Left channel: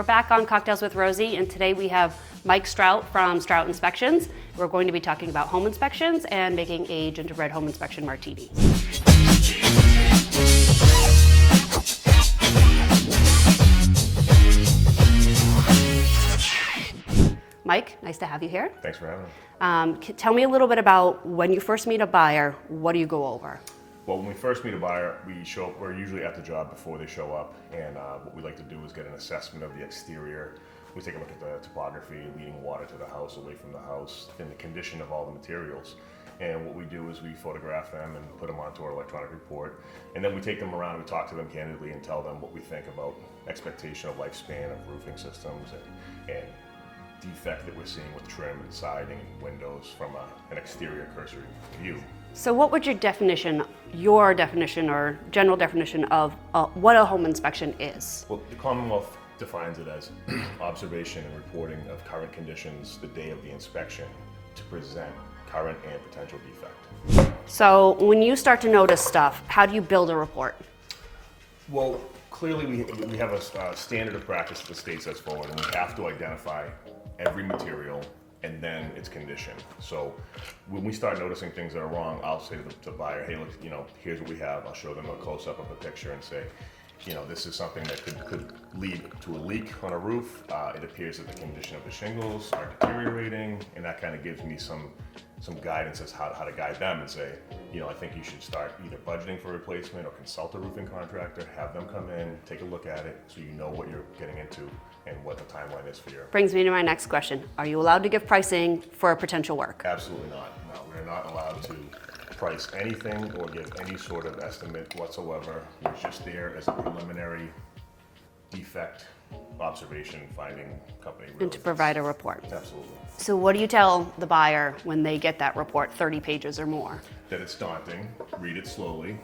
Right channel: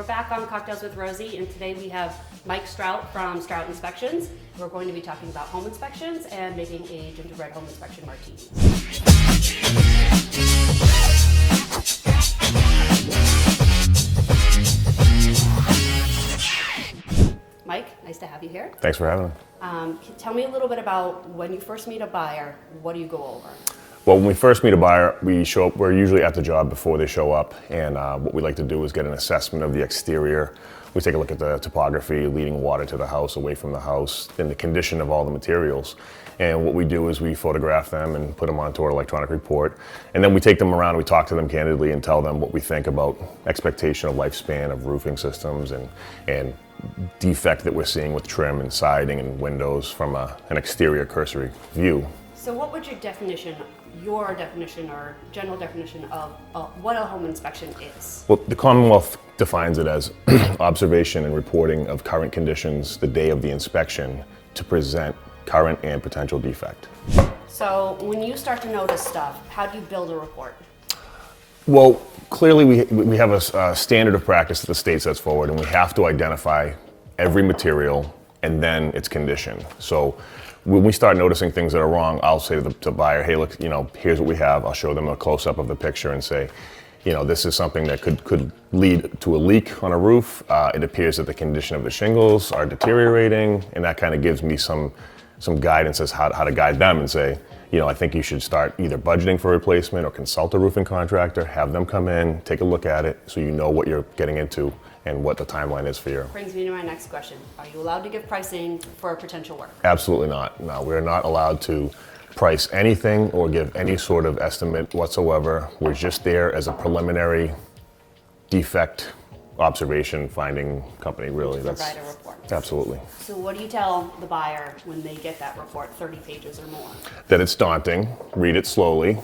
We're back on Cocktails with Rosie, and today we have Mike Strout from Strout Inspections. We're going to be talking about home inspections and making a gingerbread home inspection martini. Mike, nice to have you here. Thanks for having me. Tell me a little bit about when you first meet a buyer, what do you go over? Well, when we first meet a buyer, we're usually at the job before they show up, and what we like to do is get an assessment of the exterior. We take a look at the topography, leading water to the house, away from the house, and the condition of all the materials. And what we do is we photograph them and put them onto our electronic report. And then we take them around, we talk to them candidly and tell them what we think about expectation of lifespan of roofing systems and defect that we're seeing with trim and siding and windows from an exterior cursory view. So what would your definition or general definition of what a home inspection is? Well, the Commonwealth defines it as observation and reporting of current conditions the day of the inspection to present current and potential defect. So when you start to notice stuff, how do you build a report? Well, clearly we have a standard of practice that the state sets forward, and we have to identify every material and then its condition. So when we start noticing things that are wrong, I'll say to the buyer, hey, look, here's what we have. I'll show them a close-up of the picture and say, this is something that could lead to a leak on a roof. It appears that the condition of the shingles are deteriorating, and that kind of gives me some guidance as how to guide them and say, I think you should start either budgeting for replacement or consult a roofing contractor, have them come in, take a look at it so you know what you're getting into and what the timeline is for your. Brings me to my next question. Are you allowed to give pricing for potential work? Absolutely not. No, we're not allowed to price anything or give any sort of estimate whatsoever. We're just there as a preliminary defect observation finding company, really. To provide a report. Absolutely. So what do you tell the buyer when they get that report, 30 pages or more? That it's daunting, read it slowly,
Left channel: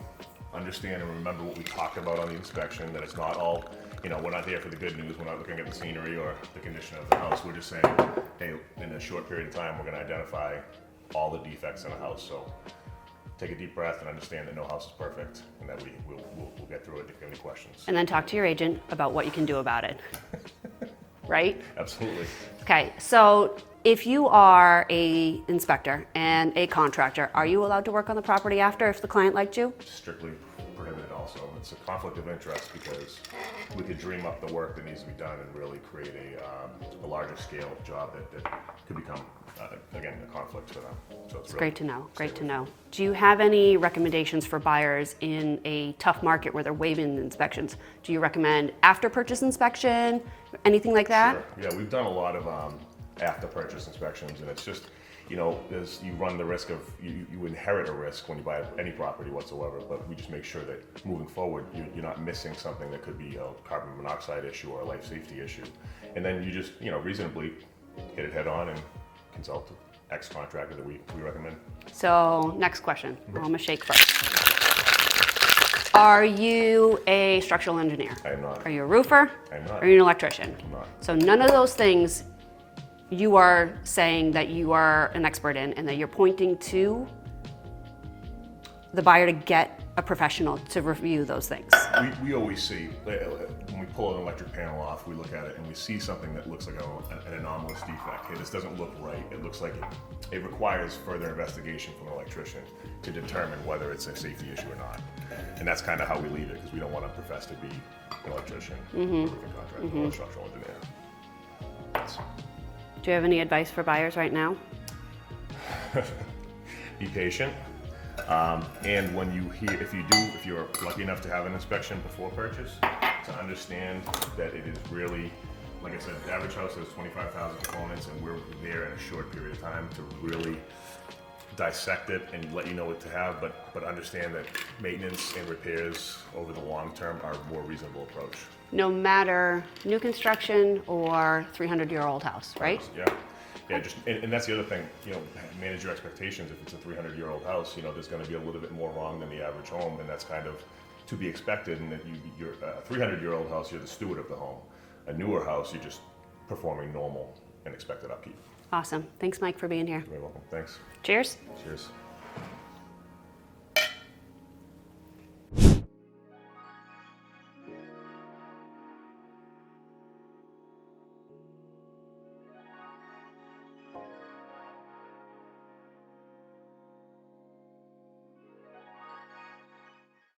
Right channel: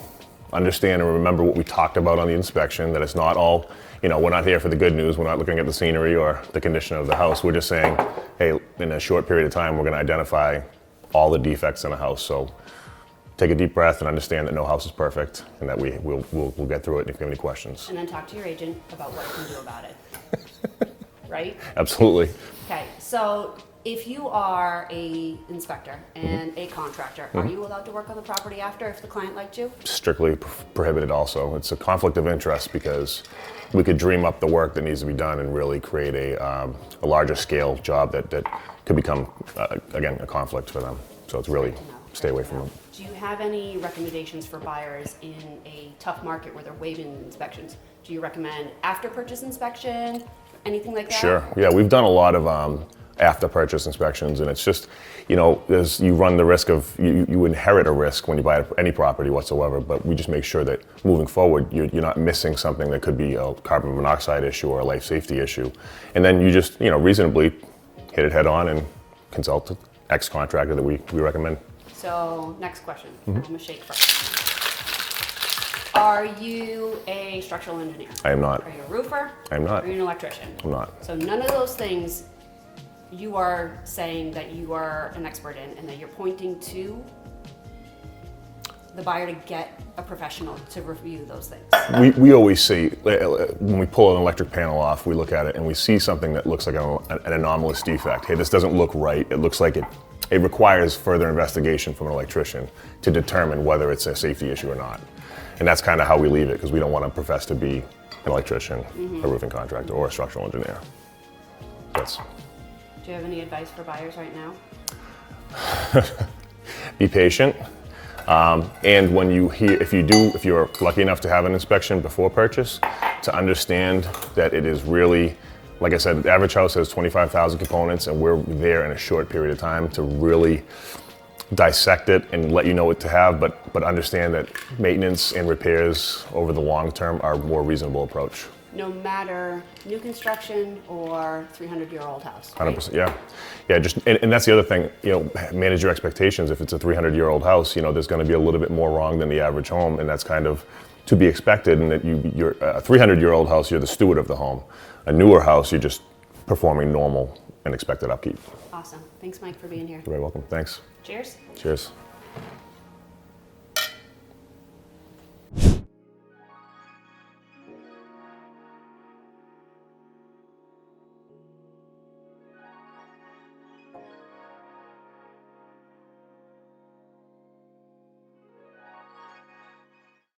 understand and remember what we talked about on the inspection, that it's not all, we're not here for the good news, we're not looking at the scenery or the condition of the house, we're just saying, hey, in a short period of time, we're gonna identify all the defects in a house. So take a deep breath and understand that no house is perfect and that we'll get through it if you have any questions. And then talk to your agent about what you can do about it. Right? Absolutely. Okay, so if you are a inspector and a contractor, are you allowed to work on the property after if the client liked you? Strictly prohibited also. It's a conflict of interest because we could dream up the work that needs to be done and really create a larger scale job that could become, again, a conflict for them. So it's really great to know. Stay away from it. Do you have any recommendations for buyers in a tough market where they're waiving inspection? Do you recommend after purchase inspection, anything like that? Sure. Yeah, we've done a lot of after purchase inspections, and it's just, you run the risk of you inherit a risk when you buy any property whatsoever. But we just make sure that moving forward, you're not missing something that could be a carbon monoxide issue or a life safety issue, and then you just reasonably hit it head on and consult the ex-contractor that we recommend. So next question. I'm gonna shake first. Are you a structural engineer? I am not. Are you a roofer? I am not. Are you an electrician? I'm not. So none of those things you are saying that you are an expert in and that you're pointing to the buyer to get a professional to review those things. We always see, when we pull an electric panel off, we look at it and we see something that looks like an anomalous defect. Hey, this doesn't look right. It looks like it requires further investigation from an electrician to determine whether it's a safety issue or not. And that's kind of how we leave it, because we don't want to profess to be an electrician, a roofing contractor, or a structural engineer. Yes. Do you have any advice for buyers right now? Be patient. And when if you're lucky enough to have an inspection before purchase, to understand that it is really, like I said, the average house has 25,000 components, and we're there in a short period of time to really dissect it and let you know what to have, but understand that maintenance and repairs over the long term are a more reasonable approach. No matter new construction or 300-year-old house, right? 100%, yeah. And that's the other thing, manage your expectations. If it's a 300-year-old house, there's going to be a little bit more wrong than the average home, and that's kind of to be expected. And that you're a 300-year-old house, you're the steward of the home. A newer house, you're just performing normal and expected upkeep. Awesome. Thanks, Mike, for being here. You're very welcome. Thanks. Cheers. Cheers.